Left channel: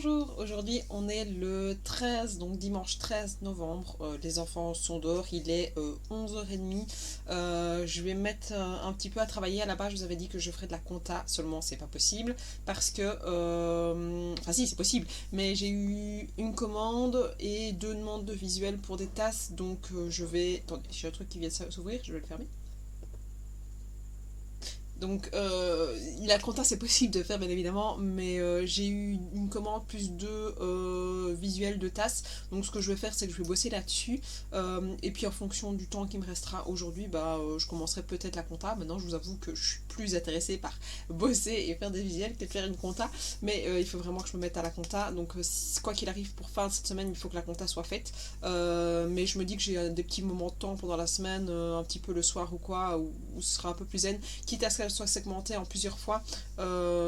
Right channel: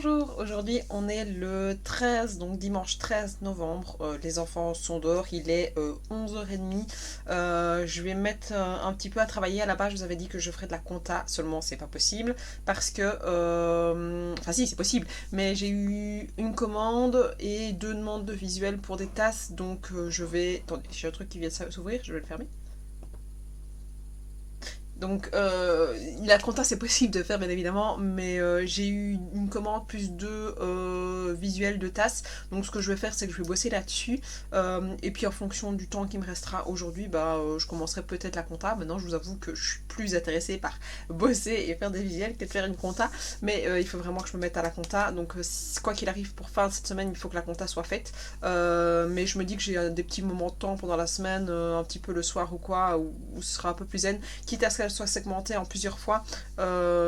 Bonjour, aujourd'hui on est le 13, donc dimanche 13 novembre. Les enfants sont dehors, il est 11h30. Je vais mettre un petit peu à travailler. À la base je vous avais dit que je ferais de la compta, seulement c'est pas possible parce que, enfin si c'est possible, mais j'ai eu une commande et deux demandes de visuel pour des tasses, donc je vais... Attendez, j'ai un truc qui vient de s'ouvrir, je vais le fermer. Donc la compta c'est possible de faire bien évidemment, mais j'ai eu une commande plus deux visuels de tasses. Donc ce que je vais faire c'est que je vais bosser là-dessus. Et puis en fonction du temps qui me restera aujourd'hui, je commencerai peut-être la compta. Maintenant je vous avoue que je suis plus intéressée par bosser et faire des visuels que de faire une compta. Mais il faut vraiment que je me mette à la compta. Donc quoi qu'il arrive pour fin de cette semaine, il faut que la compta soit faite. Mais je me dis que j'ai des petits moments de temps pendant la semaine, un petit peu le soir ou quoi, où ce sera un peu plus zen, quitte à ce qu'elle soit segmentée en plusieurs fois.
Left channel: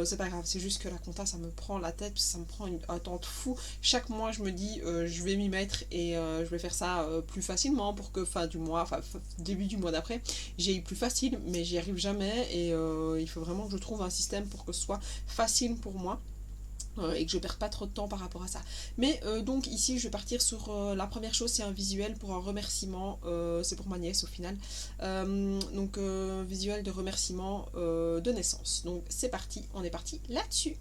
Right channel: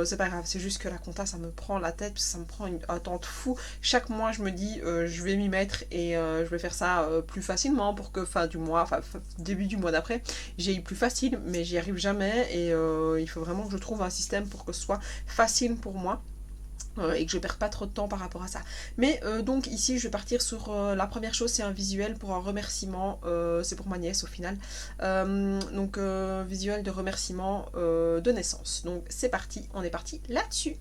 C'est pas grave, c'est juste que la compta ça me prend la tête, ça me prend un temps de fou. Chaque mois je me dis je vais m'y mettre et je vais faire ça plus facilement pour que fin du mois, enfin début du mois d'après, j'ai eu plus facile, mais j'y arrive jamais et il faut vraiment que je trouve un système pour que ce soit facile pour moi et que je perds pas trop de temps par rapport à ça. Mais donc ici je vais partir sur la première chose, c'est un visuel pour un remerciement, c'est pour ma nièce au final. Donc visuel de remerciement de naissance. Donc c'est parti, on est parti là-dessus.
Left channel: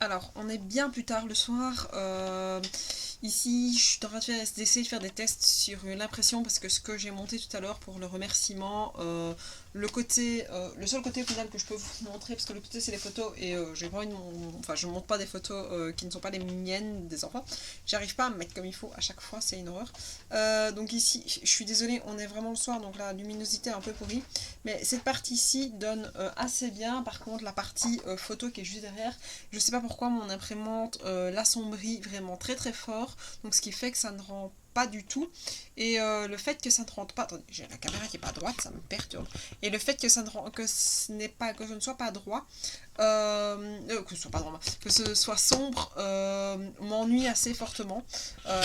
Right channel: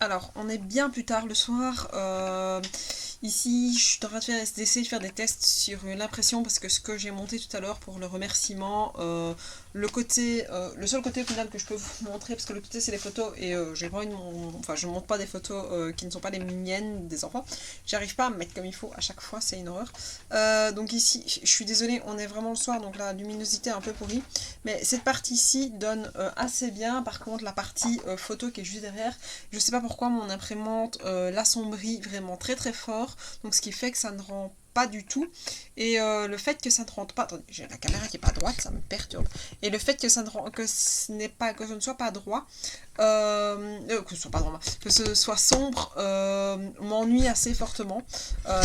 Alors, on est bien plus tard le soir. Ici, je suis en train d'essayer de faire des tests sur l'impression parce que ce que j'ai monté tout à l'heure pour le remerciement, le seul côté au final que je peux vous montrer, parce que le côté c'est les photos et j'ai pas enfin je montre pas des photos qui ne sont pas les miennes des enfants. J'arrive pas à me mettre comme il faut à chaque fois, c'est une horreur. Donc ici, je suis désolée, on est vraiment le soir, donc la luminosité est un peu pourrie. Mais cette partie-ci donne assez bien. Par contre, la partie photo qui est juste derrière, je sais pas pourquoi mon imprimante l'assombrit vraiment très très fort, donc ce qui fait que ça ne rend pas du tout. Et le fait que ça ne rentre pas, attendez, j'ai la caméra qui est pas droite, ça me perturbe. Et le fait que ça ne rend, que ce n'est pas, que je ne sois pas droit, que ce soit pas droit, que ce soit sombre, m'ennuie assez fortement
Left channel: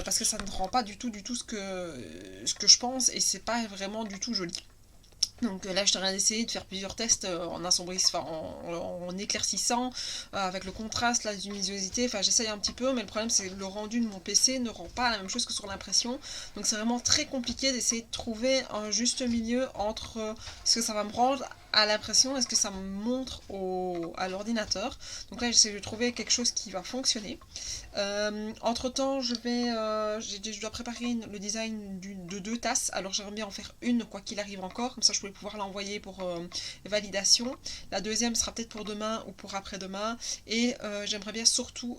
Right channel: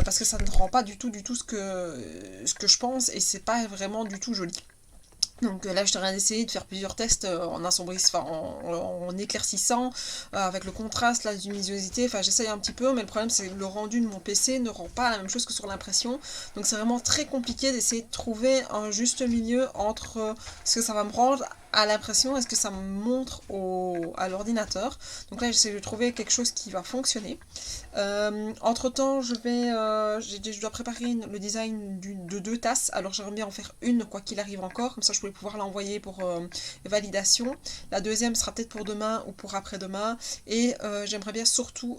parce que ça ne rend pas du tout ce que je pense et c'est pas vraiment du tout joli. Donc là, je suis en train d'essayer de faire plusieurs tests en assombrissant, en éclaircissant, avec le contraste, la luminosité. Enfin, j'essaye un petit peu, mais le problème, c'est que le rendu de mon PC ne rend pas la même chose que sur l'impression. Donc c'est vraiment très compliqué d'essayer de trouver un juste milieu entre ce que ça va me rendre à l'impression, est-ce que ça me montre à l'ordinateur. Donc là, j'essaie de trouver quelque chose qui va fonctionner. Entre-temps, je dois préparer le design de 2 tasses. Alors j'aimerais bien en faire une, quoi qu'il arrive encore. Comme ça, je pourrais pouvoir l'envoyer pour validation. La deuxième sera peut-être pour demain ou pour après-demain. Et j'aimerais bien surtout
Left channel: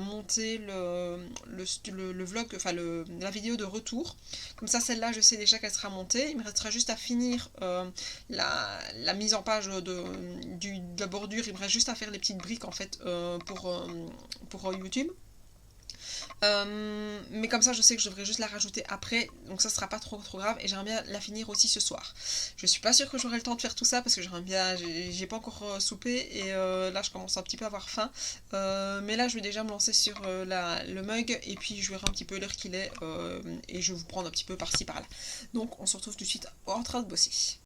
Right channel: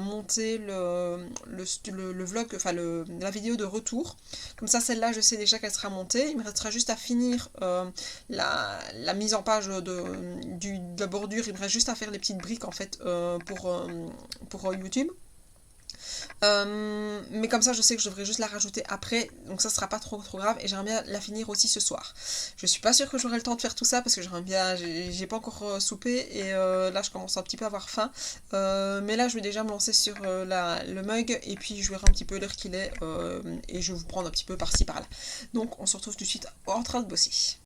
monter le vlog, enfin la vidéo de retour. Comme ça, celle-là, je sais déjà qu'elle sera montée. Il me restera juste à finir la mise en page de la bordure. Il me reste juste à faire les petites briques en fait pour YouTube. Mais comme ça, je sais que je devrais juste la rajouter après, donc ça sera pas trop grave. Et j'aimerais bien la finir aussi ce soir. Je suis pas sûre que j'aurai le temps de faire tout ça parce que j'ai pas encore soupé et là je commence un petit peu à avoir faim. Mais là, je vais déjà me lancer sur le mug et puis je verrai un petit peu l'heure qu'il est et je vais vous prendre un petit peu par-ci par-là. Donc, on se retrouve tout de suite en train de bosser.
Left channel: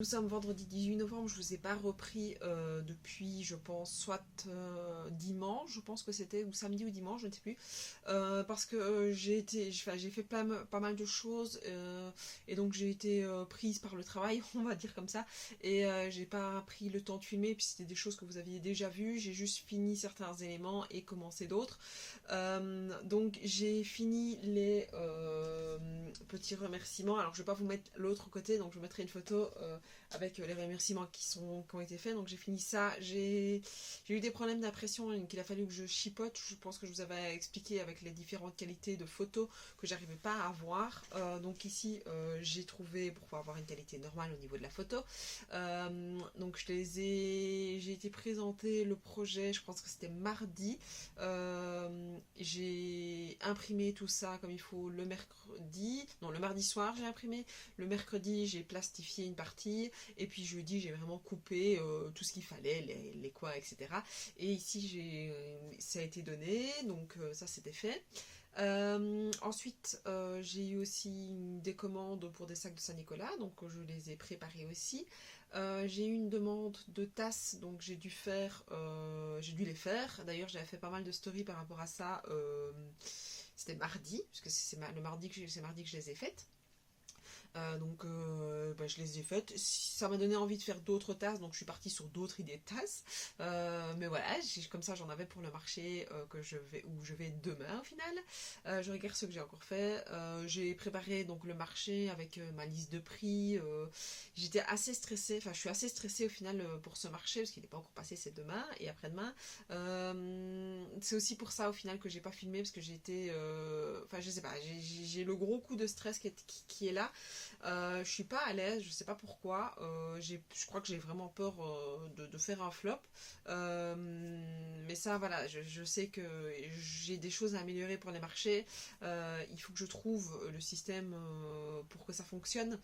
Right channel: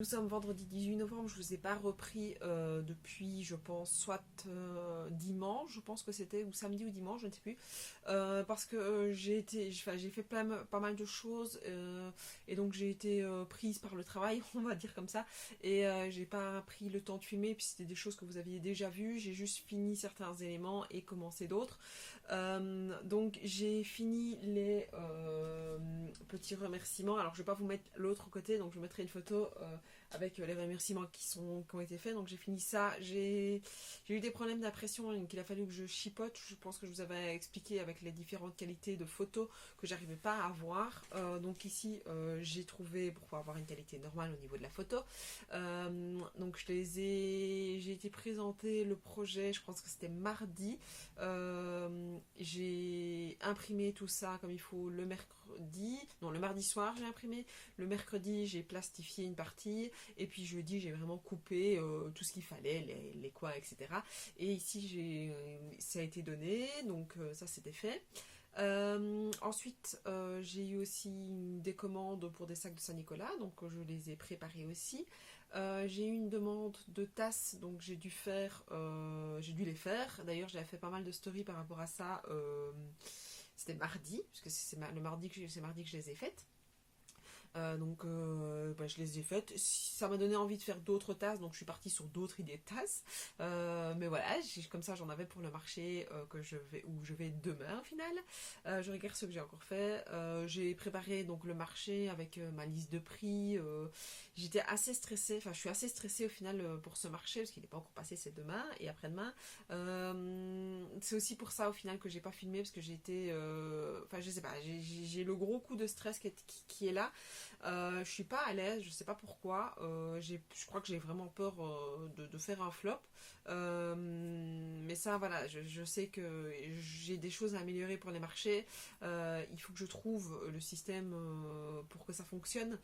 Nous sommes vendredi 18 novembre, je ne vous ai pas repris depuis, je pense, soit dimanche, je pense que c'était, ou samedi ou dimanche, je ne sais plus, parce que j'ai fait pas mal de choses, et donc j'ai été prise par le travail, on va dire comme ça, et j'ai pas pris le temps de filmer, puis c'était des choses que vous aviez déjà vues, j'ai juste fini certains éléments et commencé d'autres. Donc j'ai fini les petits remerciements. Alors je vais pas vous mettre l'autre côté, donc je mettrai une photo avec les remerciements qui ont été faits. Donc j'ai fini ça. J'ai eu des problèmes d'impression, donc il a fallu que je chipote. Je pense que je vous avais expliqué avec les différentes qualités de photos que j'arrivais pas à avoir. Donc ici j'ai trouvé pour pouvoir avoir une qualité normale au niveau de la photo. Donc j'ai été présenter le projet, je pense que c'était mardi. J'ai imprimé tout ça comme il faut le mardi soir j'ai imprimé, le mercredi j'ai plastifié une partie, et puis jeudi j'ai vraiment coupé tout ce qu'il fallait, les quoi, etc. Et ici ça a été donné, donc ça c'était fait. Ensuite, j'ai eu aussi des commandes pour des sacs de Saint-Nicolas, donc je les ai préparés aussi. J'ai eu une demande de tasses, donc j'ai dû les faire. D'ailleurs, j'avais fait pas mal de stories par rapport à ça. C'était mardi, puisque c'est mardi que je les ai faites. Donc je les ai faites. Ça m'a donné envie de faire d'autres tasses, donc je suis partie sur d'autres idées de tasses. Mais voilà, comme ça j'en avais pour le marché où je vais demain au final. Je regarde ce que j'ai encore fait. J'ai préparé donc le marché avec ma liste de prix. J'étais assez stressée, enfin je suis assez stressée au final pour ce marché parce qu'il n'est pas encore passé, c'est demain et après-demain. C'est aussi pour ça au final que j'ai pas filmé parce que enfin je sais pas, j'ai le gros coup de stress qui est là. Je suis pas à l'aise, je sais pas pourquoi. Je crois que j'ai vraiment peur de faire un flop. Mais ça, voilà, je sais que j'ai des choses à améliorer pour les marchés. Il faut que je trouve le système pour que ça fonctionne.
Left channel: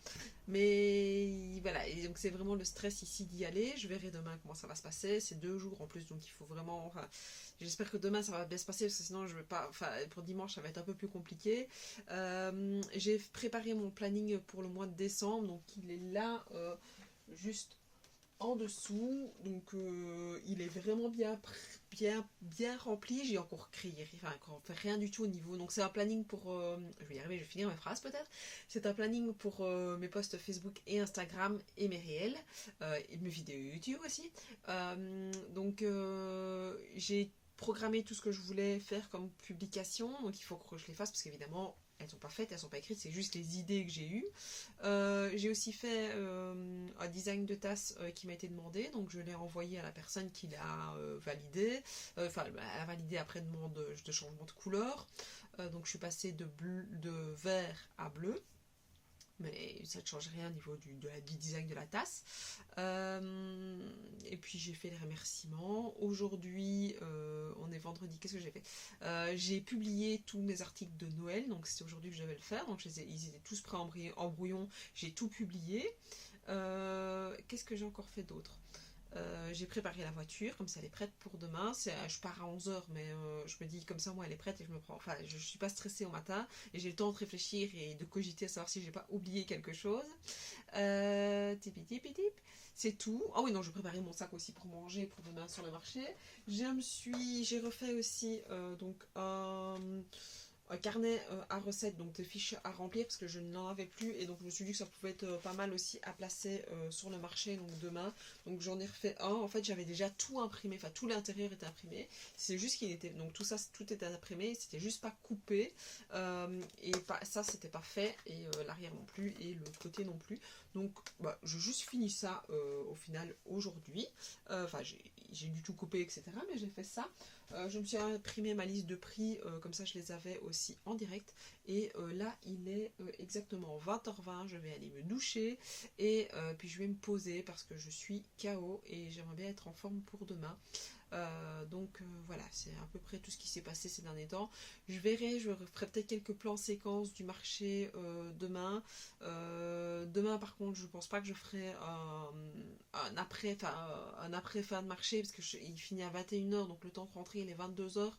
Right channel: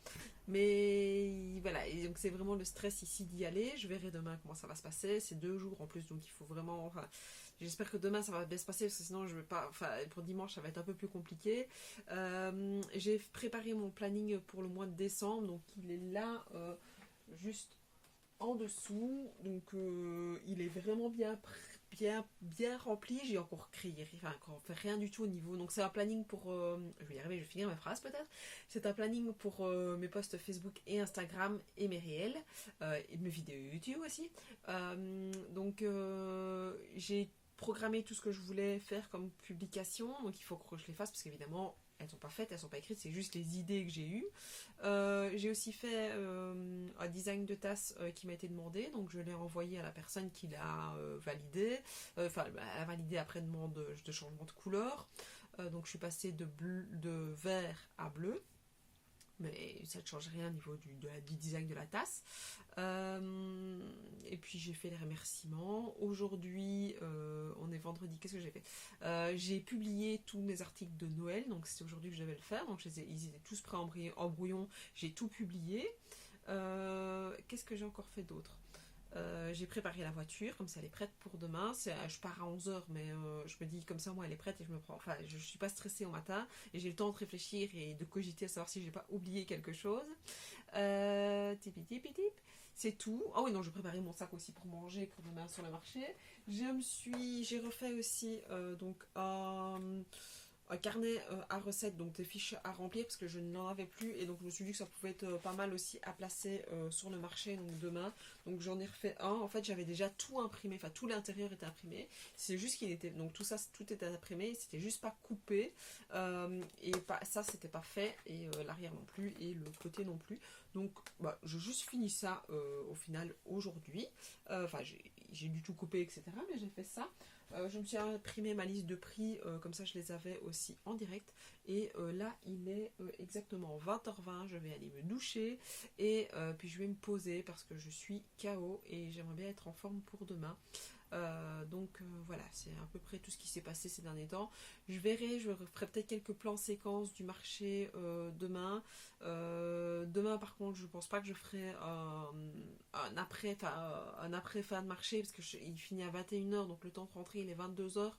Mais voilà, et donc c'est vraiment le stress ici d'y aller. Je verrai demain comment ça va se passer. C'est 2 jours en plus, donc il faut vraiment. Enfin, j'espère que demain ça va bien se passer parce que sinon je vais pas. Enfin, pour dimanche ça va être un peu plus compliqué. J'ai préparé mon planning pour le mois de décembre, donc il est là juste en dessous. Donc il est vraiment bien bien rempli. J'ai encore créé, enfin encore fait rien du tout au niveau. Donc c'est un planning pour, je vais y arriver, je vais finir ma phrase peut-être. C'est un planning pour mes posts Facebook et Instagram et mes réels et mes vidéos YouTube aussi. J'ai programmé tout ce que je voulais faire comme publication, donc il faut que je les fasse parce qu'évidemment elles sont pas faites, elles sont pas écrites, c'est juste les idées que j'ai eues. J'ai aussi fait un design de tasse qui m'a été demandé, donc je l'ai envoyé à la personne qui l'a validé. Enfin, elle a validé après demande de changement de couleur. Donc je suis passée de vert à bleu. Mais ça ne change rien au niveau du design de la tasse. Et puis j'ai fait les remerciements. Aujourd'hui, on est vendredi, qu'est-ce que j'ai fait? J'ai publié tous mes articles de Noël, donc c'est aujourd'hui que je devais le faire. Donc ils étaient tous prêts en brouillon, j'ai tout publié. Qu'est-ce que j'ai encore fait d'autre? J'ai préparé la voiture, comme ça elle est prête pour demain. Je pars à 11h, mais je me dis comme ça, moi elle est prête et je me prends. Enfin, je suis pas stressée au matin et j'ai le temps de réfléchir et de cogiter à savoir si j'ai pas oublié quelque chose. Tipi tipi tip. C'est tout. Ah oui, non, je préparais mon sac aussi pour manger pour demain sur le marché. J'ai refait aussi donc un carnet à recettes, donc des fiches à remplir parce que je n'en avais plus et donc je me suis dit que ça pouvait être pas mal aussi à placer sur le marché donc demain. Donc j'en ai refait un. En fait, j'avais déjà tout imprimé, enfin tout l'intérieur était imprimé. C'est juste qu'il était donc tout était imprimé, c'était juste pas coupé et ça c'était pas fait et l'arrière non plus et le côté non plus. Donc bah, je juste fini ça au final aujourd'hui. Enfin j'ai du tout coupé etc. Mais j'ai fait ça. Je me suis imprimé ma liste de prix, comme ça je les avais aussi en direct. Et là, il est exactement 20h20, je vais aller me doucher et puis je vais me poser parce que je suis KO et j'aimerais bien être en forme pour demain. Voilà, c'est à peu près tout ce qui s'est passé ces derniers temps. Je ferai peut-être quelques plans séquences du marché demain. Demain par contre je pense pas que je ferai un après fin de marché parce que il finit à 21h donc le temps de rentrer il est 22h.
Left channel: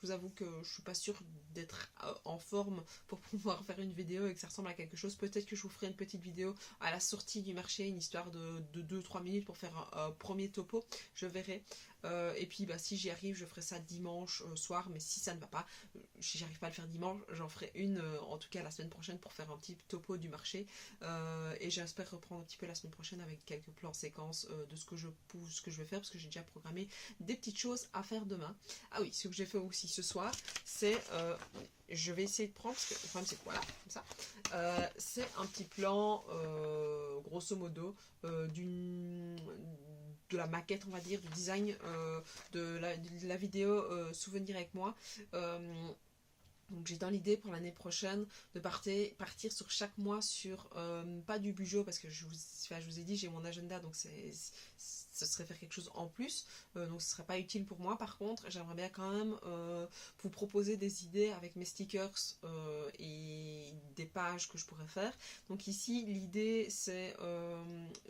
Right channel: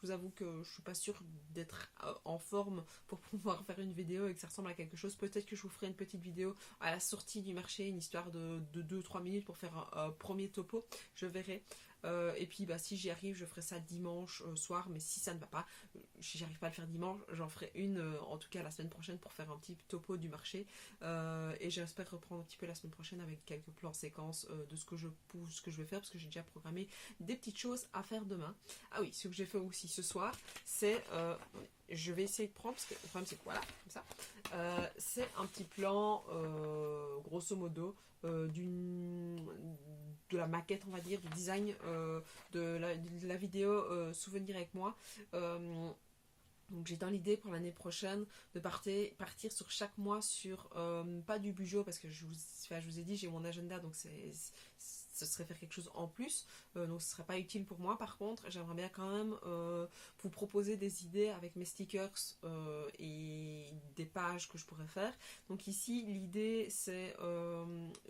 Je vous avoue que je suis pas sûre d'être en forme pour pouvoir faire une vidéo et que ça ressemble à quelque chose. Peut-être que je vous ferai une petite vidéo à la sortie du marché, une histoire de 2-3 minutes pour faire un premier topo, je verrai. Et puis bah, si j'y arrive je ferai ça dimanche soir, mais si ça ne va pas, si j'arrive pas à le faire dimanche, j'en ferai une en tout cas la semaine prochaine pour faire un petit topo du marché et j'espère reprendre un petit peu la semaine prochaine avec quelques plans séquences de ce que je vais faire parce que j'ai déjà programmé des petites choses à faire demain. Ah oui, ce que j'ai fait aussi ce soir, c'est je vais essayer de prendre, parce que le problème c'est que voilà, comme ça, c'est un petit plan, grosso modo, de la maquette, on va dire, du design de la vidéo Souvenir avec moi. Donc j'ai dans l'idée pour l'année prochaine de partir sur chaque mois sur, pas du budget parce que je vous ai dit j'ai mon agenda donc ce serait faire quelque chose en plus, donc ce serait pas utile pour moi. Par contre j'aimerais bien quand même vous proposer des idées avec mes stickers et des pages que je pourrais faire. Donc ici l'idée c'est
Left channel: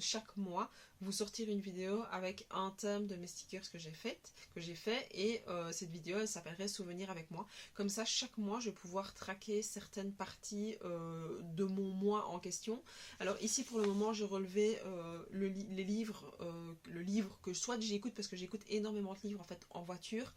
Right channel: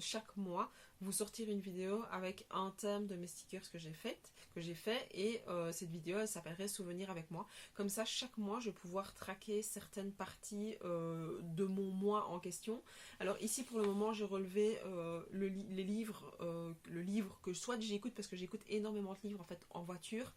chaque mois vous sortir une vidéo avec un thème de mes stickers que j'ai fait et cette vidéo elle s'appellerait Souvenir avec moi. Comme ça chaque mois je vais pouvoir traquer certaines parties de mon mois en question. Alors ici pour le moment j'ai relevé le livre que soit j'écoute parce que j'écoute énormément de livres en fait en voiture,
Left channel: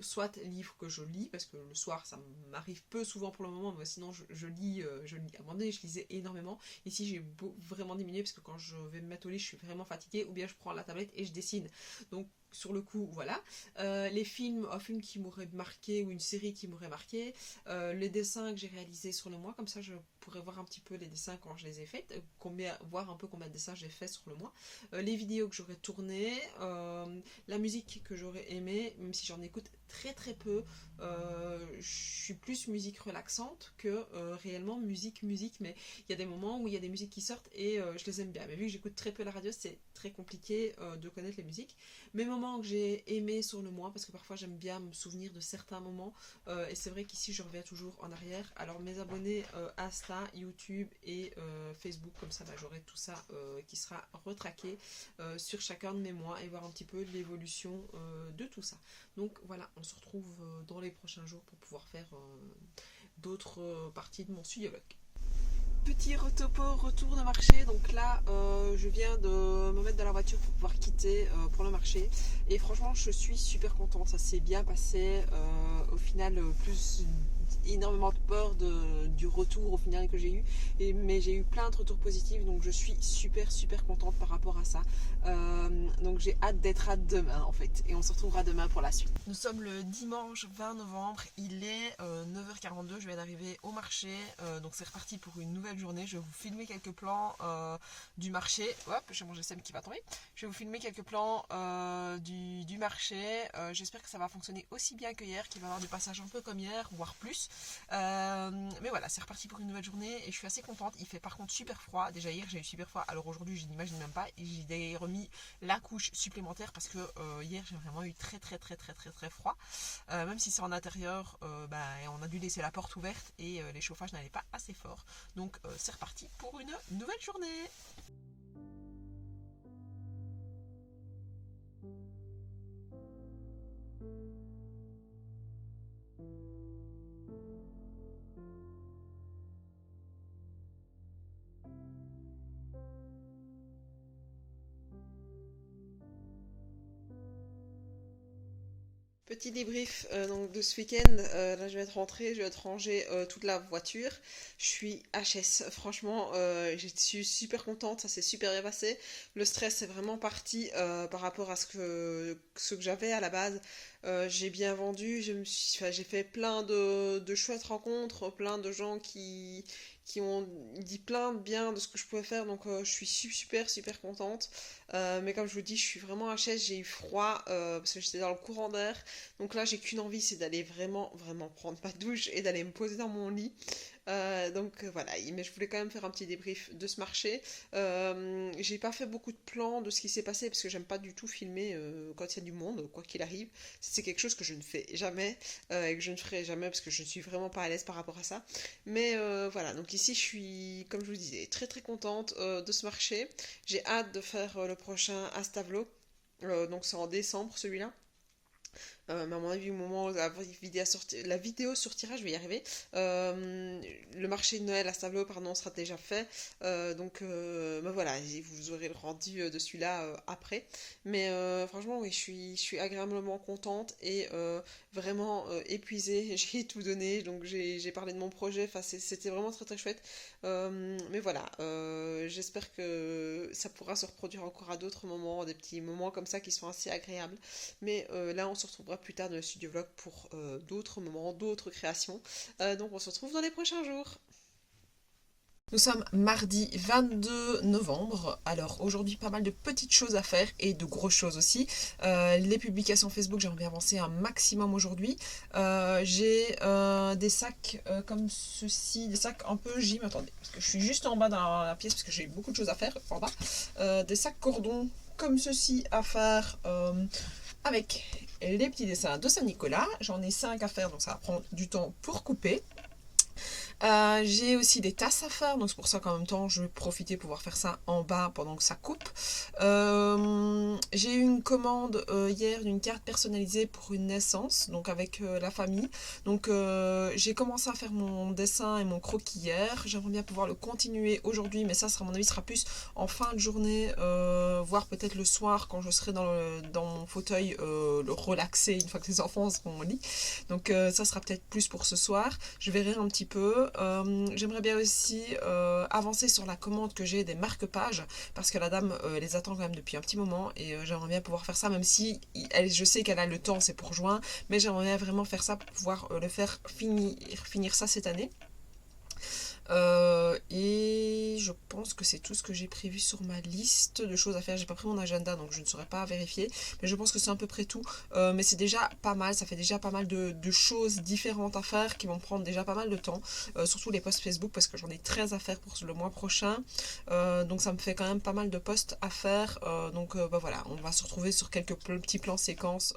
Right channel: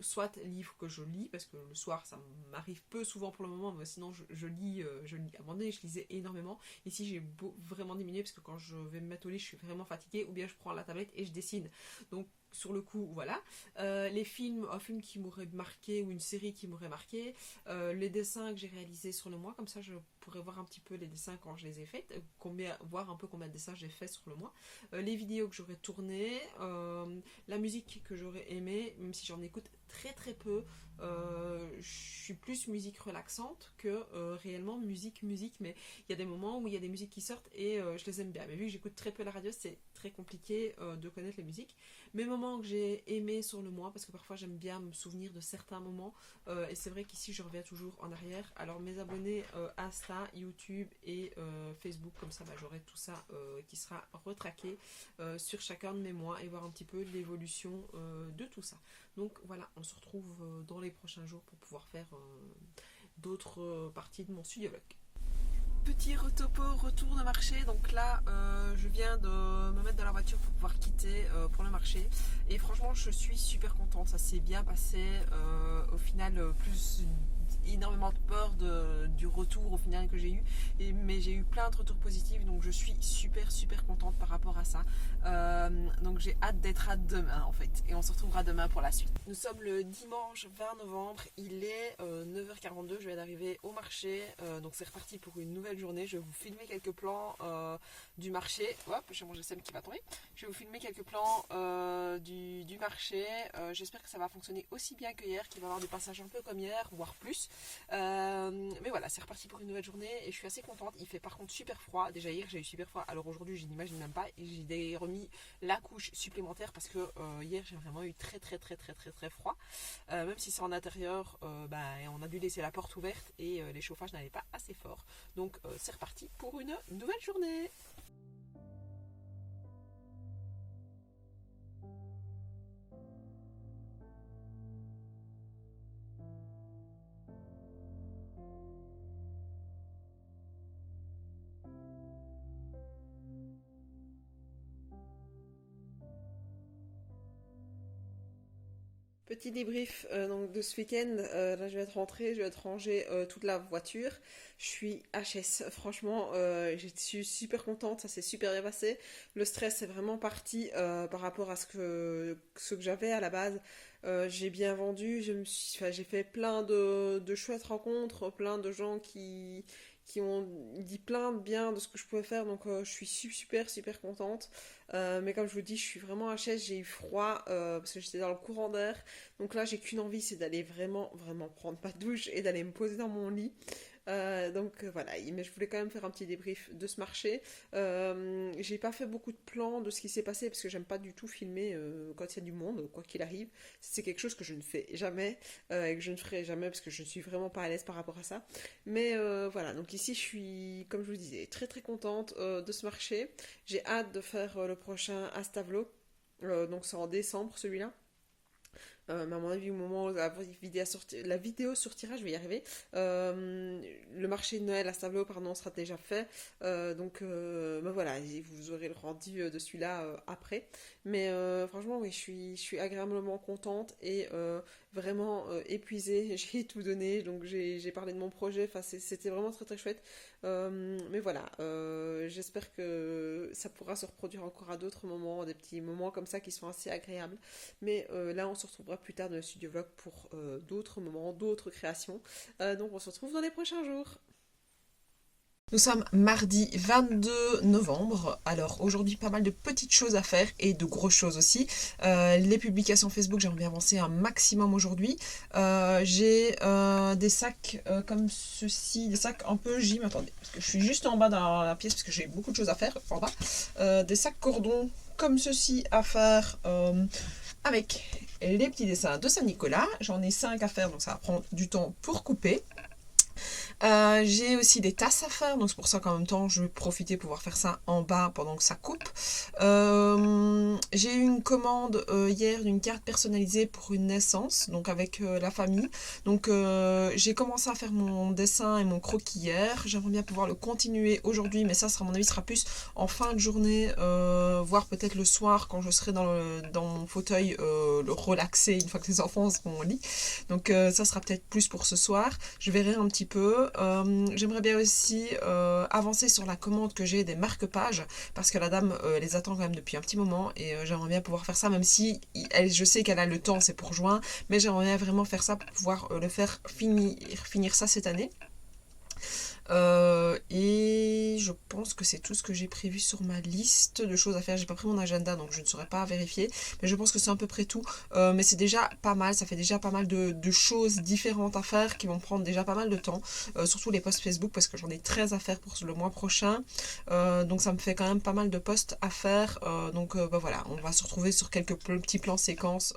soit livres que je lis parce que le soir ça m'arrive peu souvent pour le moment, mais sinon je lis, à un moment donné je lisais énormément. Ici j'ai vraiment diminué parce que quand je vais me mettre au lit je suis vraiment fatiguée ou bien je prends la tablette et je dessine. Donc sur le coup, voilà. Un film qui m'aurait marqué ou une série qui m'aurait marqué, les dessins que j'ai réalisés sur le mois, comme ça je pourrais voir un petit peu les dessins quand je les ai faits, voir un peu combien de dessins j'ai fait sur le mois, les vidéos que j'aurais tournées, la musique que j'aurais aimée, même si j'en écoute très très peu, je suis plus musique relaxante que réellement musique, mais il y a des moments où il y a des musiques qui sortent et je les aime bien, mais vu que j'écoute très peu la radio, c'est très compliqué de connaître les musiques. Mes moments que j'ai aimés sur le mois, parce que parfois j'aime bien me souvenir de certains moments, et c'est vrai qu'ici je reviens toujours en arrière. Alors mes abonnés Insta, YouTube et Facebook, comme ça bah, j'aurai tout ça qui sera retraqué sur chacun de mes mois et voir un petit peu l'évolution de tout ça. Donc voilà, on se retrouve dans les prochains jours pour pouvoir faire d'autres parties de mon studio vlog. petit retour de marché. Donc là, je viens de me mettre dans la voiture pour pouvoir quitter pour le marché. Et franchement, je suis super contente. Ça s'est bien passé. Au final, plus énormément de peur du retour au final que j'ai eu. Mais j'ai eu plein de retours positifs. Donc je suis super contente par rapport à ça. Donc j'ai hâte d'être à demain en fait. Et on se retrouvera demain pour la suite. Nous sommes le dimanche 20 novembre. Il est 9h42. Je viens d'arriver au marché. Donc c'est reparti pour une nouvelle journée. Je vais vous filmer quelques plans du marché. Hop, j'ai mangé celle qui va tomber. Je vais vous filmer quelques plans du marché. J'espère que ça va fonctionner aussi bien que hier, qu'il va y avoir du passage un peu comme hier, voire plus. Mais voilà, c'est reparti pour une nouvelle journée et je suis assez contente. Il fait par contre super froid. Déjà hier j'ai eu super froid. Alors aujourd'hui je n'imagine même pas. Et j'ai remis la couche supplémentaire parce que hier j'ai vraiment eu très froid. Même si c'est en intérieur, on a dû laisser la porte ouverte et les chauffages n'allaient pas assez fort. Donc c'est reparti pour une nouvelle journée. Petit débrief donc de ce week-end. Là, je vais être rentrée, je vais être rangée toute la voiture. Je suis HS. Franchement, je suis super contente. Ça s'est super bien passé. Le stress est vraiment parti par rapport à ce que j'avais à la base. J'ai bien vendu. J'ai fait plein de chouettes rencontres, plein de gens qui ont dit plein de bien de ce que je pouvais faire. Donc, je suis super contente. Mais comme je vous dis, je suis vraiment HS. J'ai eu froid parce que j'étais dans le courant d'air. Donc là, j'ai qu'une envie, c'est d'aller vraiment prendre ma douche et d'aller me poser dans mon lit. Voilà, mais je voulais quand même faire un petit débrief de ce marché. J'ai pas fait beaucoup de plans de ce qui s'est passé parce que j'aime pas du tout filmer quand il y a du monde, quoi qu'il arrive. C'est quelque chose que je ne fais jamais et que je ne ferai jamais parce que je ne suis vraiment pas à l'aise par rapport à ça. Mais voilà, donc ici je suis, comme je vous disais, très contente de ce marché. J'ai hâte de faire le prochain Astavlo. Donc c'est en décembre celui-là. Mais à mon avis, au moment où la vidéo sortira, je vais y arriver. Le marché de Noël à Stavelot, pardon, sera déjà fait. Voilà, vous aurez le rendu de celui-là après. Mais franchement, oui, je suis agréablement contente et vraiment épuisée. J'ai tout donné, donc j'ai parlé de mon projet. Enfin, c'était vraiment très chouette. Mais voilà, j'espère que ça pourra se reproduire encore à d'autres moments, des petits moments comme ça qui sont assez agréables. Mais là, on se retrouvera plus tard dans le studio vlog pour d'autres moments, d'autres créations. Donc on se retrouve dans les prochains jours. Nous sommes mardi 22 novembre. Alors aujourd'hui, pas mal de petites choses à faire et de grosses choses aussi. Les publications Facebook, j'aimerais bien avancer un maximum aujourd'hui. J'ai des sacs comme ceci, des sacs un peu gym. Attendez, parce que je suis juste en bas dans la pièce parce que j'ai beaucoup de choses à faire en bas. Des sacs cordon comme ceci à faire avec les petits dessins de Saint-Nicolas. J'en ai 5 à faire, donc ça va prendre du temps pour couper. J'ai aussi des tasses à faire, donc c'est pour ça qu'en même temps je vais profiter pour pouvoir faire ça en bas pendant que ça coupe. J'ai eu une commande hier d'une carte personnalisée pour une naissance, donc avec la famille. Donc j'ai commencé à faire mon dessin et mon croquis hier. J'aimerais bien pouvoir le continuer aujourd'hui, mais ça à mon avis sera plus en fin de journée, voire peut-être le soir quand je serai dans mon fauteuil le relaxer une fois que les enfants seront au lit. Donc ça sera peut-être plus pour ce soir. Je verrai un petit peu. J'aimerais bien aussi avancer sur la commande que j'ai des marque-pages parce que la dame les attend quand même depuis un petit moment et j'aimerais bien pouvoir faire ça, même si je sais qu'elle a le temps, c'est pour juin, mais j'aimerais bien vraiment faire ça pour pouvoir le faire finir ça cette année. Et je pense que c'est tout ce que j'ai prévu sur ma liste de choses à faire. J'ai pas pris mon agenda donc je ne saurais pas vérifier, mais je pense que c'est à peu près tout. Mais c'est déjà pas mal, ça fait déjà pas mal de choses différentes à faire qui vont prendre déjà pas mal de temps, surtout les posts Facebook parce que j'en ai 13 à faire pour le mois prochain. Donc ça me fait quand même pas mal de posts à faire. Voilà, on va se retrouver sur quelques petits plans séquences.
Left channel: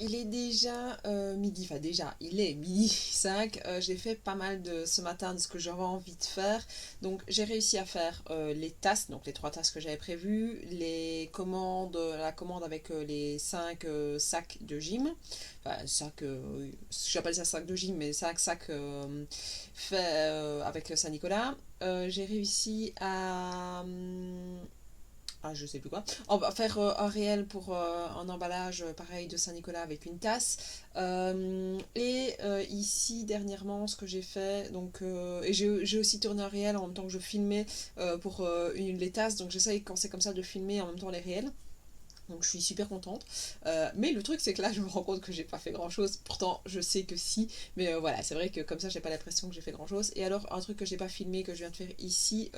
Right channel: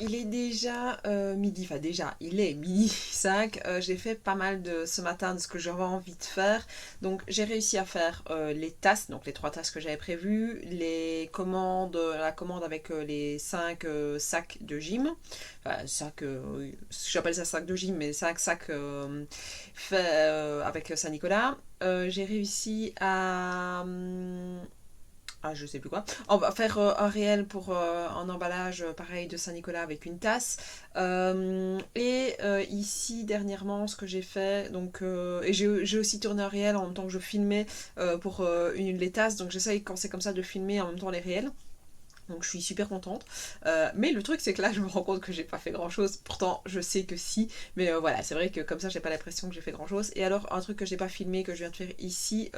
Il est déjà midi, enfin déjà, il est midi 5. J'ai fait pas mal de ce matin de ce que j'avais envie de faire. Donc j'ai réussi à faire les tasks, donc les 3 tasks que j'avais prévues, la commande avec les 5 sacs de gym. Enfin, j'appelle ça sac de gym, mais 5 sacs faits avec Saint-Nicolas. J'ai réussi à je sais plus quoi. On va faire un réel pour un emballage pareil de Saint-Nicolas avec une tasse. Ici dernièrement ce que j'ai fait, donc et j'ai aussi tourné un réel en même temps que je filmais pour les tasses, donc j'essaye quand c'est comme ça de filmer en même temps les réels. Donc je suis super contente. Mais le truc c'est que là je me rends compte que j'ai pas fait grand chose. Pourtant je sais que si. Mais voilà, c'est vrai que comme ça j'ai pas l'impression que j'ai fait grand chose. Et alors un truc que j'ai pas filmé, que je viens de faire ici,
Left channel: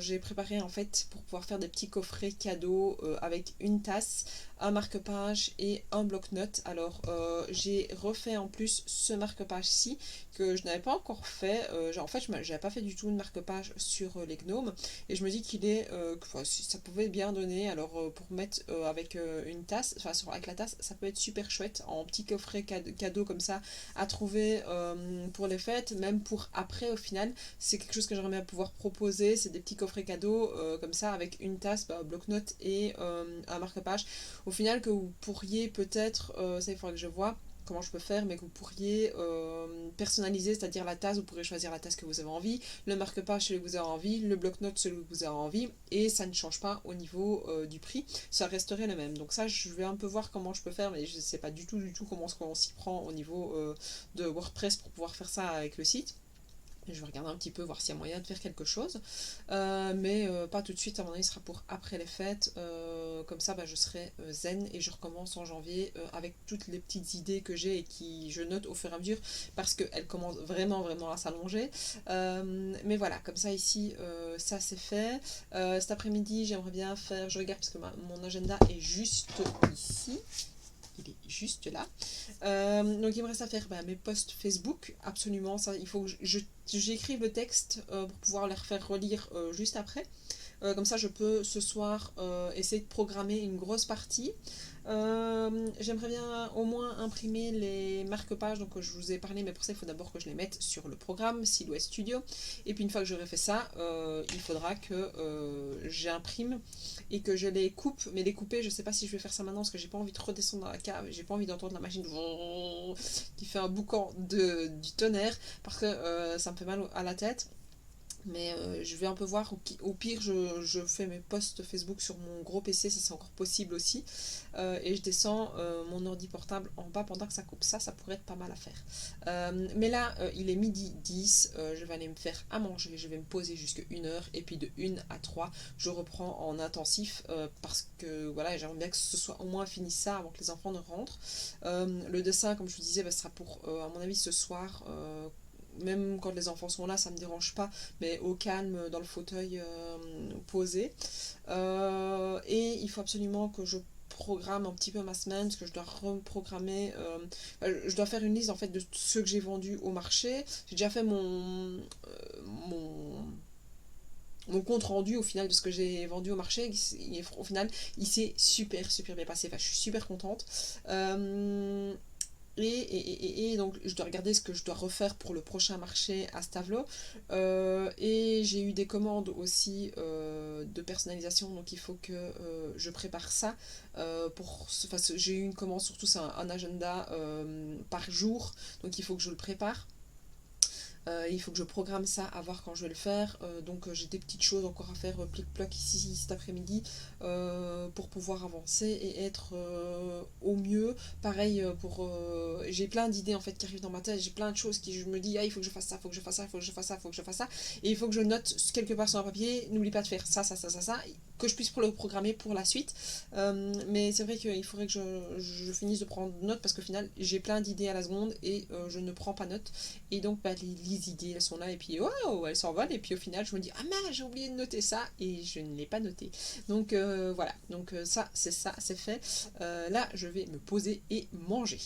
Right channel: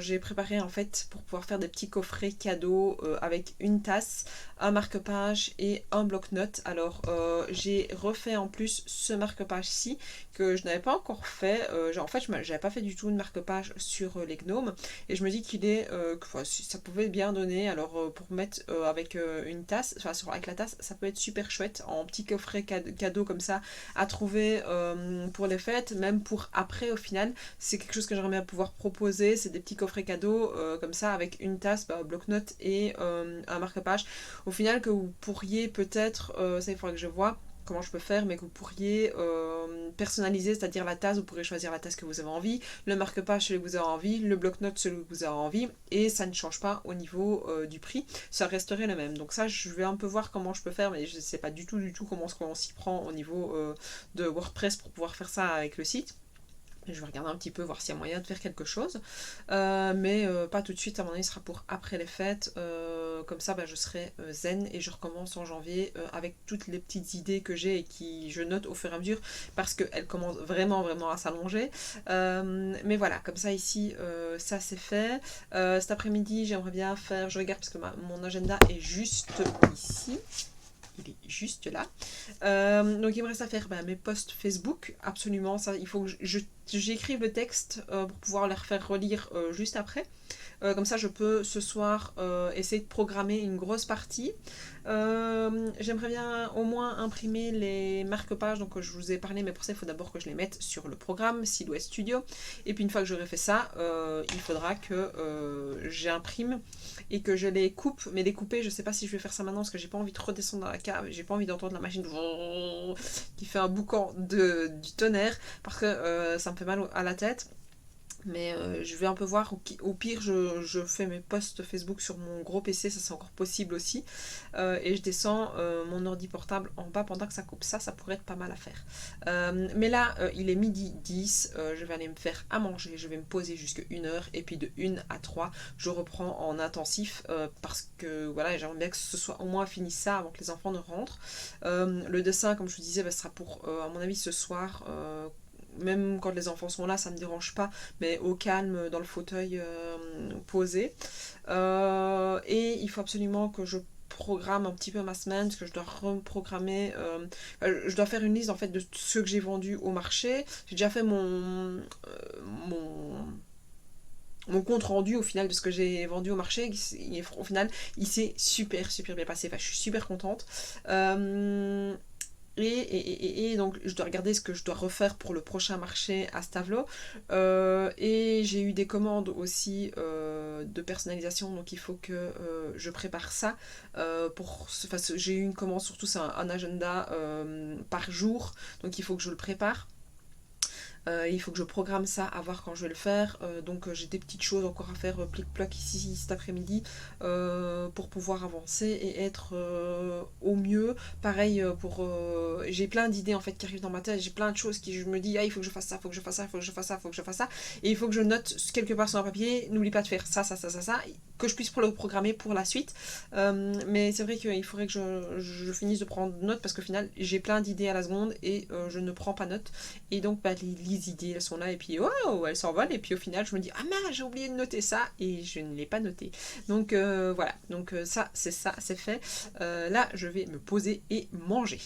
j'ai préparé en fait pour pouvoir faire des petits coffrets cadeaux avec une tasse, un marque-page et un bloc-notes. Alors j'ai refait en plus ce marque-page-ci que je n'avais pas encore fait. En fait j'avais pas fait du tout de marque-page sur les gnomes. Et je me dis qu'il est si ça pouvait bien donner. Alors pour mettre avec une tasse, enfin avec la tasse, ça peut être super chouette en petit coffret cadeau comme ça à trouver pour les fêtes, même pour après au final. C'est quelque chose que j'aimerais bien pouvoir proposer. C'est des petits coffrets cadeaux comme ça avec une tasse, bloc-notes et un marque-page. Au final que vous pourriez peut-être, ça il faudra que je vois comment je peux faire, mais que vous pourriez personnaliser, c'est-à-dire la tasse, vous pourrez choisir la tasse que vous avez envie, le marque-page celui que vous avez envie, le bloc-notes celui que vous avez envie, et ça ne change pas au niveau du prix, ça resterait le même. Donc ça, je vais un peu voir comment je peux faire, mais je ne sais pas du tout comment on s'y prend au niveau de WordPress pour pouvoir faire ça avec le site. Je vais regarder un petit peu, voir s'il y a moyen de faire quelque chose. Mais pas tout de suite, à mon avis, ce sera pour après les fêtes. Comme ça, je serai zen et je recommence en janvier avec toutes les petites idées que j'ai et qui je note au fur et à mesure parce qu'elles commencent vraiment à s'allonger. Mais voilà, comme ça ici, ça c'est fait. Cet après-midi, j'aimerais bien faire, je regarde parce que mon agenda est juste ici. Il est juste là. Donc il me reste à faire mes posts Facebook, absolument, ça il faut que j'écrive le texte pour pouvoir les refaire relire juste après. Comme ça, je peux ce soir essayer de programmer une grosse partie. J'aimerais bien au moins imprimer les marque-pages, donc je vous ai parlé, mais pour ça il faut d'abord que je les mette sur le programme Silhouette Studio. Et puis une fois que j'aurai fait ça, il faudra que j'imprime et que je les coupe. Mais les couper, je sais pas si je vais faire ça maintenant parce que j'ai pas envie de redescendre dans la cave, j'ai pas envie d'entendre la machine qui fait un boucan du tonnerre parce que ça me fait mal à la tête. Mais je vais un peu voir, au pire je fais mes posts Facebook sur mon gros PC, ça c'est encore possible aussi. Et je descends mon ordi portable en bas pendant que ça coupe. Ça pourrait être pas mal à faire. Mais là, il est midi 10, je vais aller me faire à manger, je vais me poser jusqu'à 1 heure, et puis de 1 à 3, je reprends en intensif, parce que voilà, j'aimerais bien que ce soit au moins fini ça avant que les enfants ne rentrent. Le dessin, comme je vous disais, sera pour, à mon avis, ce soir. Même quand les enfants sont là, ça me dérange pas, mais au calme, dans le fauteuil posé. Et il faut absolument que je programme un petit peu ma semaine, parce que je dois reprogrammer, je dois faire une liste en fait de ceux que j'ai vendus au marché. J'ai déjà fait mon compte rendu au final de ce que j'ai vendu au marché. Au final, il s'est super bien passé. Enfin, je suis super contente. Et donc je dois regarder ce que je dois refaire pour le prochain marché à Stavelot. Et j'ai eu des commandes aussi de personnalisation, donc il faut que je prépare ça. J'ai eu une commande, surtout c'est un agenda par jour, donc il faut que je le prépare. Il faut que je programme ça, à voir quand je vais le faire. Donc j'ai des petites choses encore à faire, plic-ploc ici cet après-midi, pour pouvoir avancer et être au mieux. Pareil, j'ai plein d'idées en fait qui arrivent dans ma tête, j'ai plein de choses qui je me dis, ah, il faut que je fasse ça, il faut que je fasse ça, il faut que je fasse ça, il faut que je fasse ça. Et il faut que je note quelque part sur un papier, n'oublie pas de faire ça, que je puisse le programmer pour la suite. Mais c'est vrai qu'il faudrait que je finisse de prendre note, parce qu'au final j'ai plein d'idées à la seconde et je ne prends pas note. Et donc les idées elles sont là, et puis oh, elles s'envolent, et puis au final je me dis, ah mince, j'ai oublié de noter ça et je ne l'ai pas noté. Donc voilà, donc ça c'est fait. Là je vais me poser et manger.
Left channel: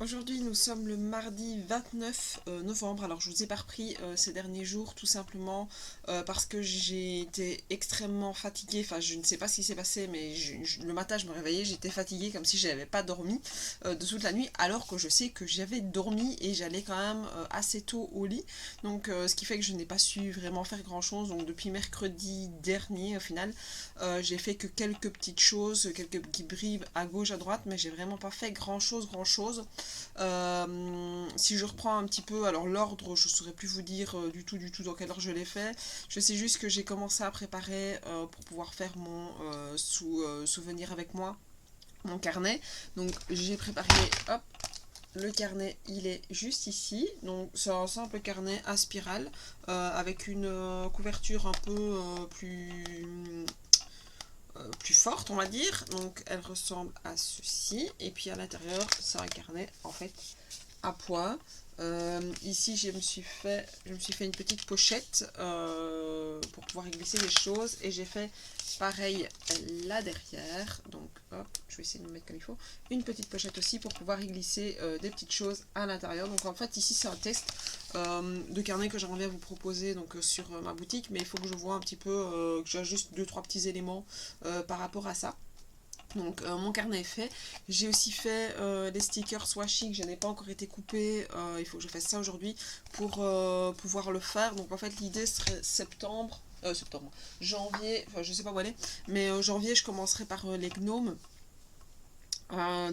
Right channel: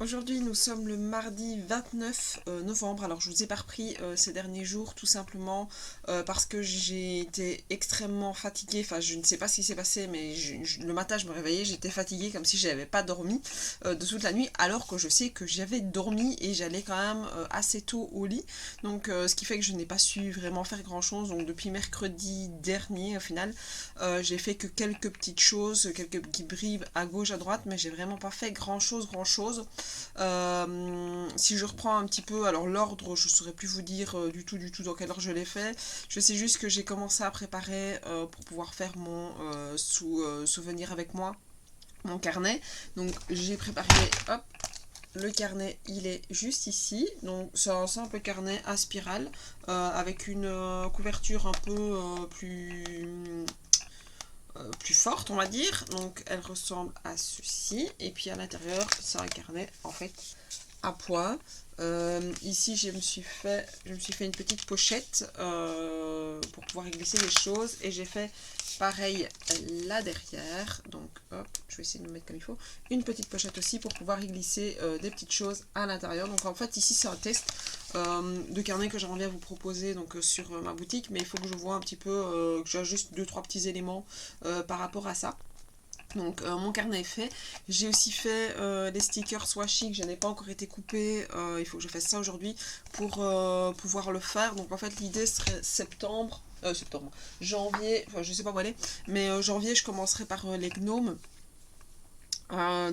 Aujourd'hui, nous sommes le mardi 29 novembre. Alors, je vous ai pas repris ces derniers jours, tout simplement parce que j'ai été extrêmement fatiguée. Enfin, je ne sais pas ce qui s'est passé, mais le matin, je me réveillais, j'étais fatiguée comme si je n'avais pas dormi de toute la nuit, alors que je sais que j'avais dormi et j'allais quand même assez tôt au lit. Donc, ce qui fait que je n'ai pas su vraiment faire grand-chose. Donc, depuis mercredi dernier, au final, j'ai fait que quelques petites choses, quelques petits bribes à gauche, à droite, mais j'ai vraiment pas fait grand-chose. Si je reprends un petit peu, alors l'ordre, je ne saurais plus vous dire du tout dans quel ordre je l'ai fait. Je sais juste que j'ai commencé à préparer pour pouvoir faire mon souvenir avec moi, mon carnet. Donc j'ai préparé, hop, le carnet, il est juste ici. Donc c'est un simple carnet à spirale avec une couverture un peu plus forte, on va dire. Donc elle ressemble à ceci, et puis à l'intérieur c'est un carnet en fait à poids. Ici je me suis fait une petite pochette pour pouvoir y glisser les choses, et j'ai fait pareil là derrière. Donc je vais essayer de me mettre comme il faut, une petite pochette aussi pour pouvoir y glisser des petites choses à l'intérieur. Donc en fait ici c'est un test de carnet que j'aimerais bien vous proposer donc sur ma boutique, mais il faut que je vois un petit peu, que j'ajuste 2-3 petits éléments par rapport à ça. Donc mon carnet est fait. J'ai aussi fait les stickers washi que je n'ai pas encore été coupés. Il faut que je fasse ça aujourd'hui pour pouvoir le faire. Donc en fait l'idée serait janvier, enfin je sais pas où aller, mais janvier je commencerai par les gnomes.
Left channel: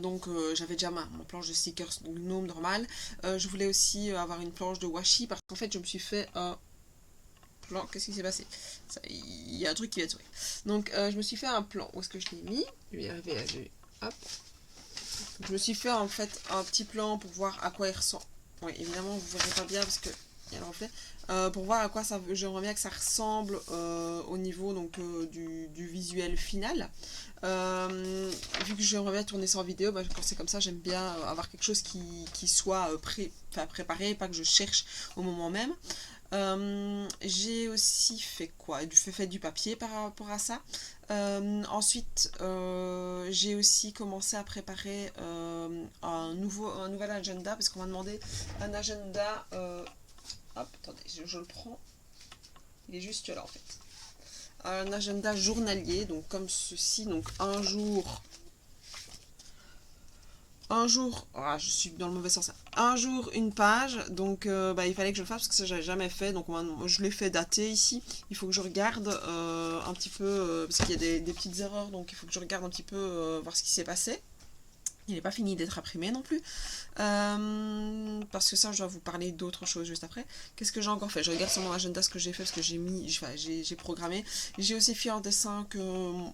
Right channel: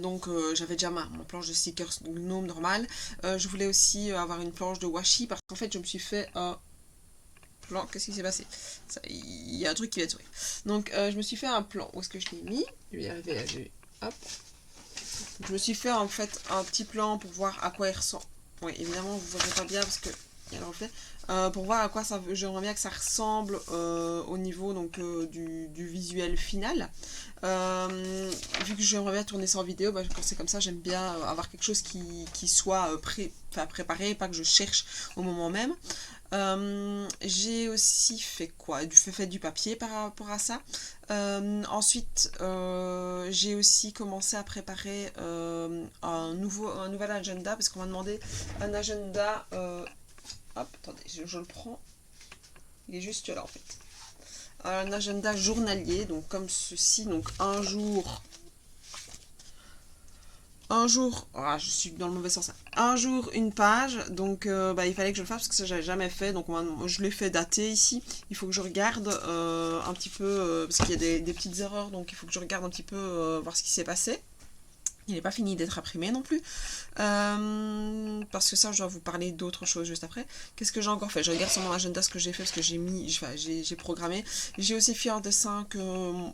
Donc j'avais déjà mon planche de stickers gnome normale. Je voulais aussi avoir une planche de washi, parce qu'en fait je me suis fait un plan. Qu'est-ce qui s'est passé? Il y a un truc qui vient de sourire. Donc je me suis fait un plan. Où est-ce que je l'ai mis? Je vais y arriver là. Hop. Je me suis fait en fait un petit plan pour voir à quoi il ressemble. Oui, évidemment vous ne verrez pas bien parce que il y a le reflet. Pour voir à quoi ça veut. J'aimerais bien que ça ressemble au niveau donc du visuel final. Vu que j'aimerais bien tourner ça en vidéo, bah, quand c'est comme ça, j'aime bien avoir quelque chose qui soit préparé, pas que je cherche au moment même. J'ai aussi fait quoi? Fait du papier par rapport à ça. Ensuite, j'ai aussi commencé à préparer un nouvel agenda, parce qu'on m'a demandé un agenda hop, attendez, je le prends. Il est juste là en fait. Un agenda journalier, donc comme ceci, donc un jour, oh, je suis dans le mauvais sens, un jour une page, donc il fallait que je le fasse parce que ça j'avais jamais fait, donc je l'ai fait dater ici, il faut que je regarde un petit peu, parce qu'il y a des petites erreurs, donc il faut que je regarde un petit peu voir ce qui s'est passé. Il n'est pas fini d'être imprimé non plus. Parce que ça, je dois vous parler d'autre chose juste après. Qu'est-ce que j'ai encore fait? Je regarde sur mon agenda ce que j'ai fait, parce que j'ai programmé. J'ai aussi fait un dessin que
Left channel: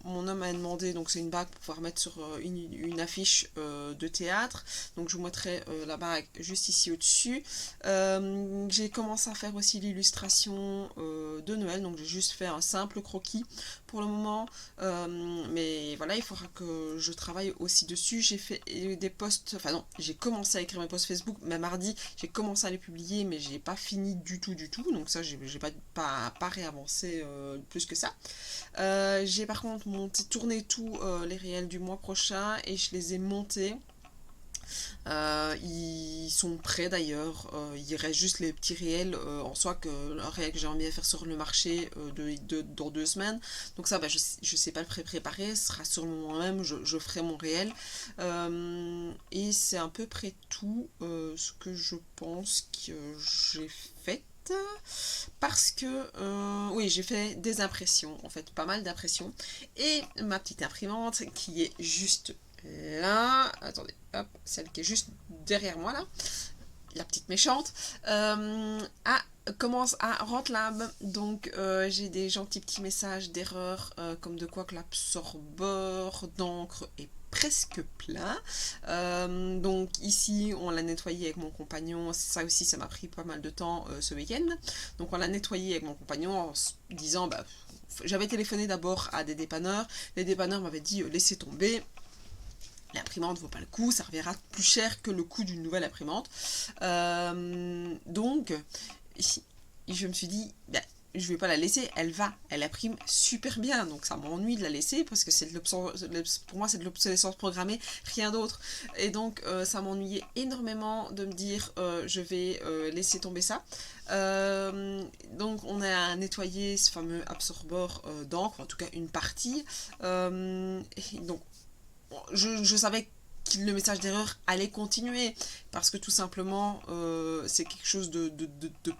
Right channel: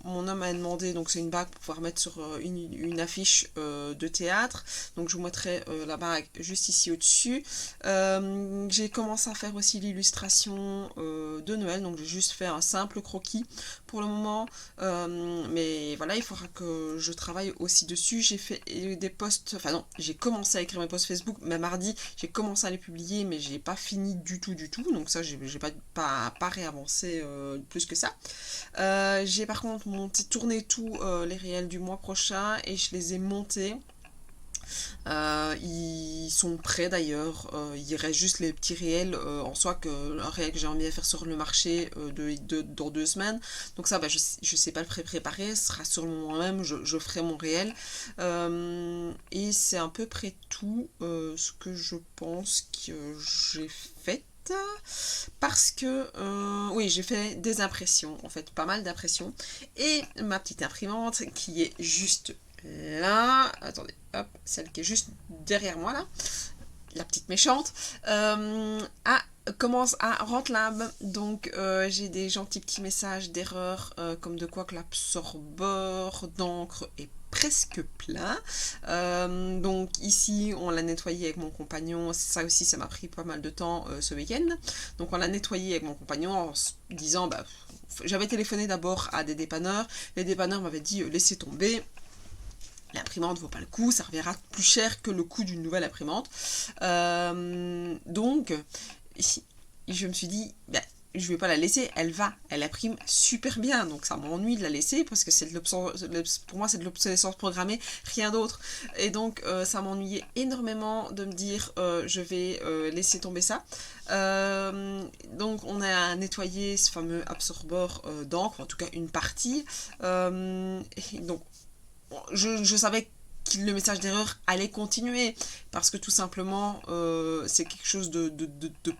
mon homme m'a demandé, donc c'est une bague pour pouvoir mettre sur une affiche de théâtre. Donc je vous mettrai la bague juste ici au-dessus. J'ai commencé à faire aussi l'illustration de Noël, donc j'ai juste fait un simple croquis pour le moment. Mais voilà, il faudra que je travaille aussi dessus. J'ai fait des posts, enfin non, j'ai commencé à écrire mes posts Facebook, mais mardi j'ai commencé à les publier, mais j'ai pas fini du tout, donc ça j'ai pas réavancé plus que ça. J'ai par contre tourné tous les réels du mois prochain et je les ai montés. Ils sont prêts d'ailleurs, il reste juste les petits réels en soi, un réel que j'ai envie de faire sur le marché dans 2 semaines, donc ça je sais pas le préparer, ce sera sur le moment même, je ferai mon réel, et c'est à peu près tout ce que je pense que j'ai fait. Parce que oui, j'ai fait des impressions, en fait pas mal d'impressions, et ma petite imprimante qui est juste là, attendez, hop, celle qui est juste derrière moi là, la petite méchante, commence à rendre l'âme, donc j'ai des gentils petits messages d'erreur, comme de quoi que l'absorbeur d'encre est presque plein, donc ici on l'a nettoyé avec mon compagnon, ça aussi ça m'a pris pas mal de temps ce week-end, donc on l'a nettoyé avec mon compagnon en se disant, j'avais téléphoné d'abord à des dépanneurs, les dépanneurs m'avaient dit laissez tomber, l'imprimante vaut pas le coup, ça reviendra plus cher que le coût d'une nouvelle imprimante. Donc, je me suis dit, je vais pas la laisser, elle imprime super bien, donc ça m'ennuie de la laisser parce que pour moi c'est de l'obsolescence programmée, rien d'autre. Et donc ça m'ennuyait énormément de me dire je vais laisser tomber ça. Donc on a nettoyé ce fameux absorbeur d'encre, en tout cas une partie. Donc je savais que le message d'erreur allait continuer parce que tout simplement c'est quelque chose de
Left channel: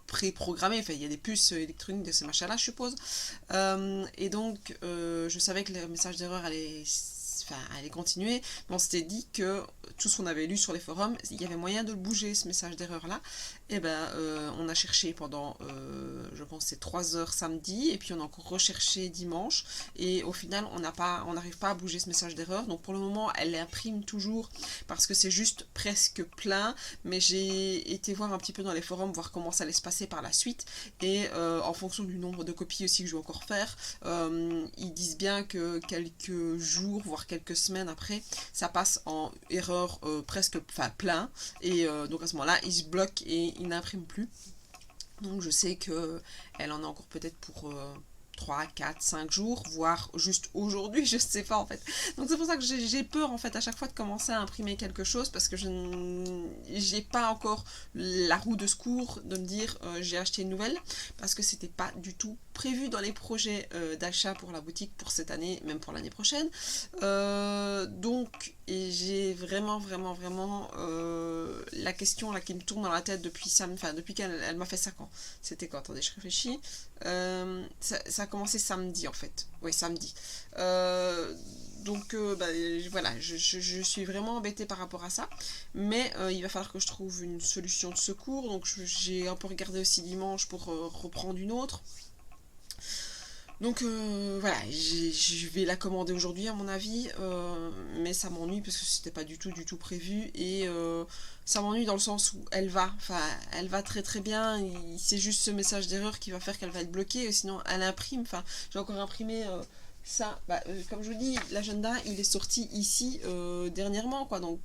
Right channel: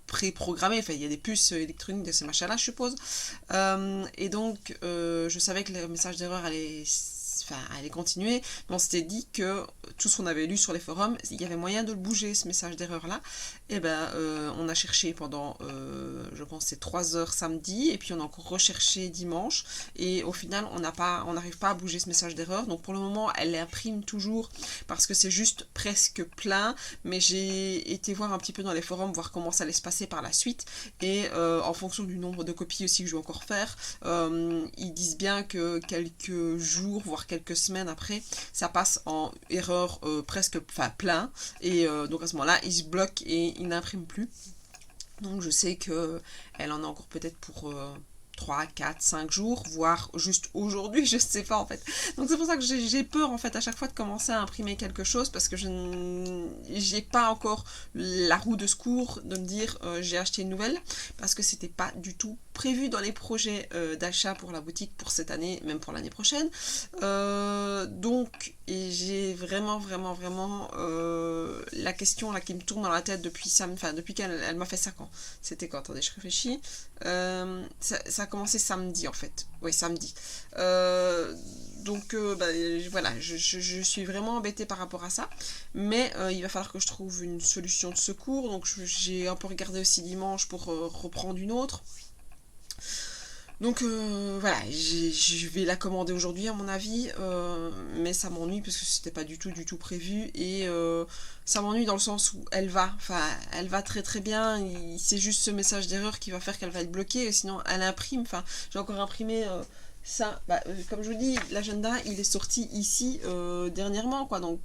pré-programmé, enfin il y a des puces électroniques de ces machins là je suppose, et donc je savais que le message d'erreur allait continuer, mais on s'était dit que tout ce qu'on avait lu sur les forums, il y avait moyen de le bouger ce message d'erreur là, et on a cherché pendant je pense c'est 3 heures samedi, et puis on a encore recherché dimanche, et au final on n'arrive pas à bouger ce message d'erreur, donc pour le moment elle imprime toujours parce que c'est juste presque plein, mais j'ai été voir un petit peu dans les forums, voir comment ça allait se passer par la suite, et en fonction du nombre de copies aussi que je vais encore faire, ils disent bien que quelques jours, voire quelques semaines après, ça passe en erreur plein, et donc à ce moment-là, il se bloque et il n'imprime plus. Donc je sais qu'elle en a encore peut-être pour 3, 4, 5 jours, voire juste aujourd'hui, je sais pas en fait. Donc c'est pour ça que j'ai peur en fait à chaque fois de commencer à imprimer quelque chose, parce que j'ai pas encore la roue de secours de me dire j'ai acheté une nouvelle, parce que c'était pas du tout prévu dans les projets d'achat pour la boutique pour cette année, même pour l'année prochaine. Donc j'ai vraiment la question là qui me tourne dans la tête depuis qu'elle m'a fait ça quand. C'était quand? Attendez, je réfléchis. Ça a commencé samedi en fait. Oui, samedi. Donc voilà, je suis vraiment embêtée par rapport à ça, mais il va falloir que je trouve une solution de secours, donc j'ai un peu regardé aussi dimanche pour reprendre une autre. Donc voilà, je vais la commander aujourd'hui à mon avis, mais ça m'ennuie parce que c'était pas du tout prévu, et ça m'ennuie dans le sens où elle va très très bien, c'est juste ce message d'erreur qui va faire qu'elle va être bloquée, sinon elle imprime, j'ai encore imprimé ça, comme je vous dis, l'agenda il est sorti ici dernièrement quoi, donc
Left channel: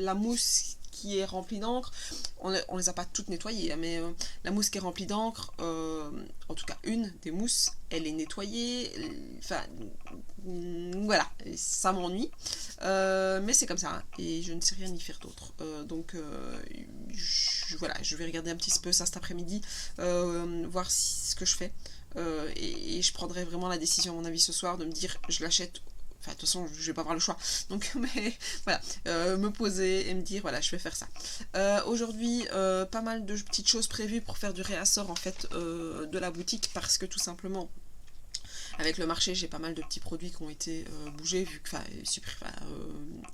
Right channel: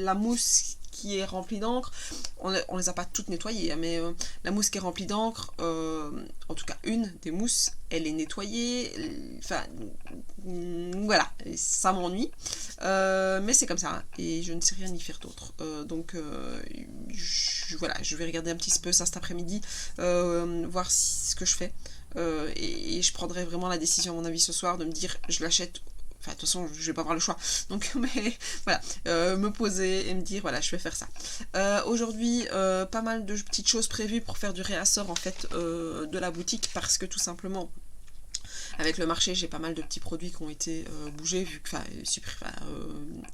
la mousse qui est remplie d'encre, on les a pas toutes nettoyées, hein, mais la mousse qui est remplie d'encre, en tout cas une des mousses, elle est nettoyée, voilà, ça m'ennuie, mais c'est comme ça, et je ne sais rien y faire d'autre, donc voilà, je vais regarder un petit peu ça cet après-midi, voir ce que je fais. Et je prendrai vraiment la décision, à mon avis, ce soir, de me dire je l'achète. Enfin, de toute façon, je vais pas avoir le choix. Donc, mais voilà, me poser et me dire voilà, je vais faire ça. Aujourd'hui, pas mal de petites choses prévues pour faire du réassort en fait de la boutique parce que tout simplement. Avec le marché, j'ai pas mal de petits produits qui ont été bougés,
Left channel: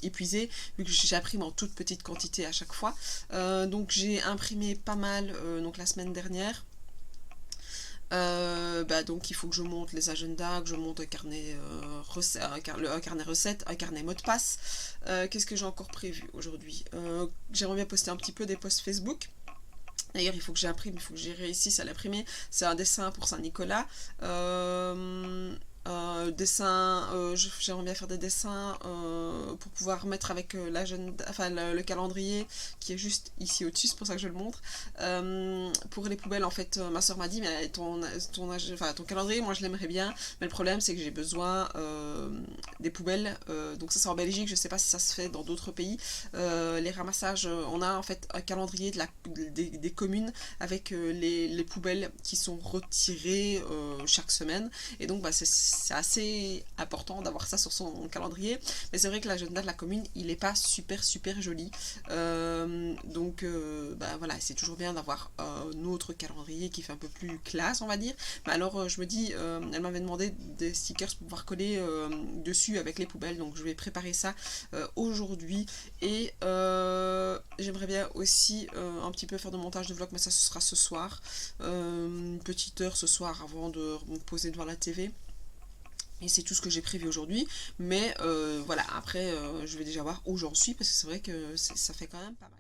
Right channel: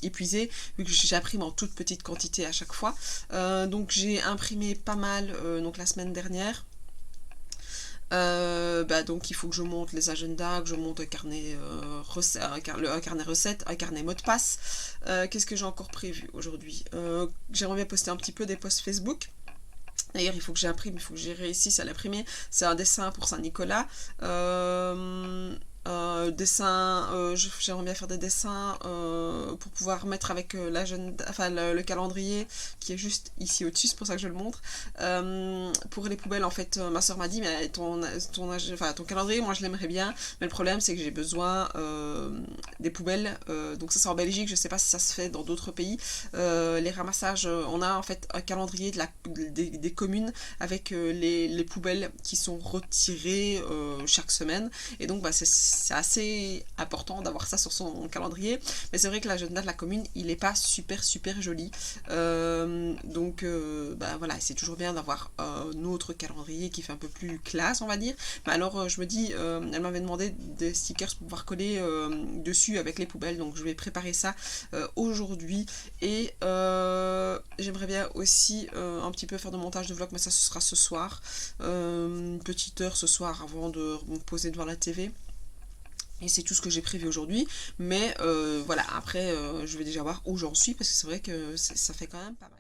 épuisés, vu que j'imprime en toute petite quantité à chaque fois. Donc j'ai imprimé pas mal donc la semaine dernière. Donc il faut que je monte les agendas, que je monte un carnet, un carnet recette, un carnet mot de passe. Qu'est-ce que j'ai encore prévu aujourd'hui? J'aimerais bien poster un petit peu des posts Facebook. D'ailleurs, il faut que j'imprime, il faut que j'ai réussisse à l'imprimer. C'est un dessin pour Saint-Nicolas. J'aimerais bien faire des dessins pour pouvoir mettre avec le calendrier qui est juste ici au-dessus, c'est pour ça que je le montre. Pour les poubelles, en fait, ma soeur m'a dit mais ton calendrier, moi je l'aimerais bien, mais le problème c'est que j'ai besoin des poubelles, donc ça c'est en Belgique, je sais pas si ça se fait dans d'autres pays. Les ramassages, on a en fait un calendrier des communes avec les poubelles qui sont retirées chaque semaine, et donc c'est assez important d'avoir ça sur son calendrier, mais c'est vrai que l'agenda de la commune il n'est pas super joli, voilà, c'est toujours bien d'avoir un autre calendrier qui fait un peu plus classe, on va dire. Mais alors je me dis, elle m'avait demandé des stickers pour pouvoir coller dessus avec les poubelles, donc je vais préparer ça aujourd'hui, et j'aimerais bien aussi un petit peu faire de montage de vlog, mais ça ce sera ce soir, une petite heure ce soir avant de me poser devant la TV. Et c'est tout ce que j'ai prévu aujourd'hui, mais voilà, après je vais déjà voir où j'en suis, parce que c'est vrai que ça fait quand même pas mal.